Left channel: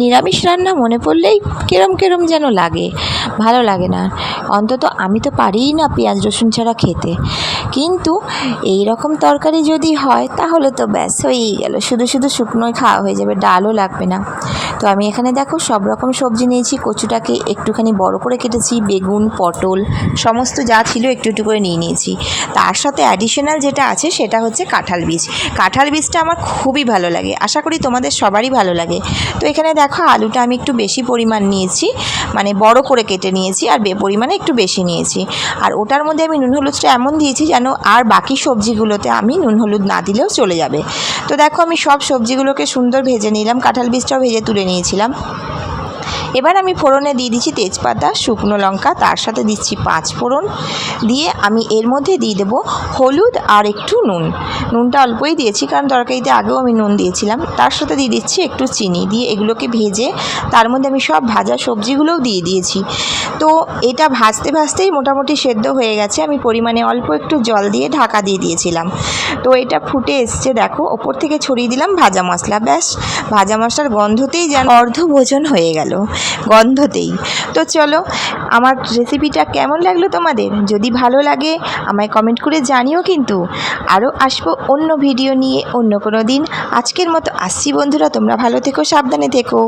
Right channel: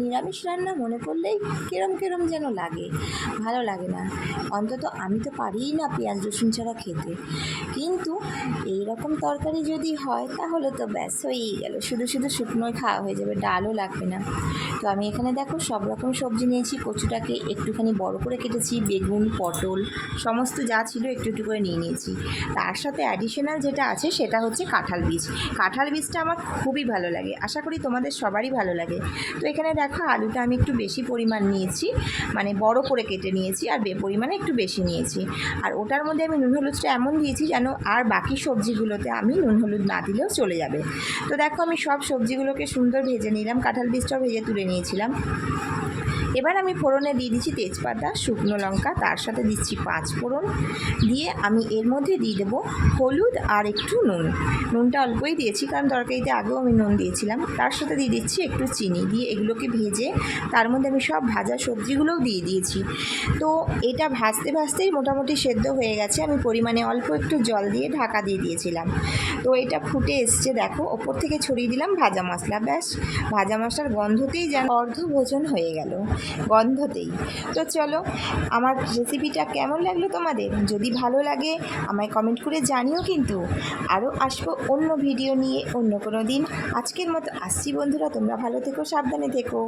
নিরামিষ রান্না মনে পড়লেই কেরম কেরম যেন লাগে, ভালো লাগে না। অন্তত আমি তো পারিই না পেঁয়াজ রসুন ছাড়া খেতে, কিন্তু এই রকম তরকারি যদি হয় তাহলে তো ব্যাস হয়েই গেল, শুধু শুধু শুকনোই খাওয়া হয়ে যাবে, ডালও লাগবে না। তো আমি এখানে দেখো সব রকম সবজি নিয়েছি, কচুটাকে একটুখানি বড় করে কেটেছি, বেগুন পটল সমস্ত যা ছিল একটু একটু করে নিয়ে নিয়েছি। তার সাথে অ্যাডিশনাল যেটা আছে সেটা হচ্ছে কাঁঠাল বীজ। কাঁঠাল বীজটা আমার খুবই ভালো লাগে, আশা করি তোমাদের সবারই ভালো লাগে। তো এখানে দেখো আলুটা আমি একটু বেশি পরিমাণ নিয়েছি, মানে বড় করে কেটে নিয়েছি, আর পরিমাণে একটু বেশি নিয়েছি। আর ওটার মধ্যে আমি নুন হলুদটা এমন দিয়েছি যেন আর বাকি সবজিগুলোতে আমি নুন হলুদ না দিলেও চলে যাবে। তো দেখো আমি সব সবজিগুলোকে সুন্দর ভেজে নিলাম, কাঁঠাল বীজটাও ভেজে তুলে নিয়েছিলাম। এবার আমি ফোড়নে দিয়ে দিচ্ছি তেজপাতা, শুকনো লঙ্কা, তার সাথে দিচ্ছি 5 ফোড়ন, দিয়ে আমি এর মধ্যে দিয়ে দেবো হলুদ আর একটু নুন। নুনটা অল্পই দিয়েছি কারণ তরকারিতে আগেও আমি নুন দিয়েছিলাম। তার সাথে দিয়ে দিচ্ছি একটু চিনি, দিয়ে এগুলোকে ভেজে তার মধ্যে আমি সব ভাজা সবজিগুলোও দিয়ে দিয়েছি। তো এটা ভাজতে ভাজতেই মোটামুটি সেদ্ধ হয়ে গেছে। আমি পরিমাণে অল্প একটু জল দিয়ে ঢাকা দিয়ে দিয়েছিলাম। তো এটা ফুটে এসছে, দেখো ওপর থেকে ছড়িয়ে দিলাম ভাজা মশলা। ব্যাস, ভাজা মশলার গন্ধতেই যেন অর্ধভোজন হয়ে গেল, গন্ধতেই। তো চলো, আমার রেসিপিটা কেমন লাগলো তোমাদের? যদি ভালো লাগে আমায় কমেন্ট করে জানিও কিন্তু। আরও আসবো অন্য ভিডিও নিয়ে অন্য কোনো দিন। আজকের মতো আসছি বন্ধুরা, তোমরা ভালো থেকো, সাবধানে থেকো।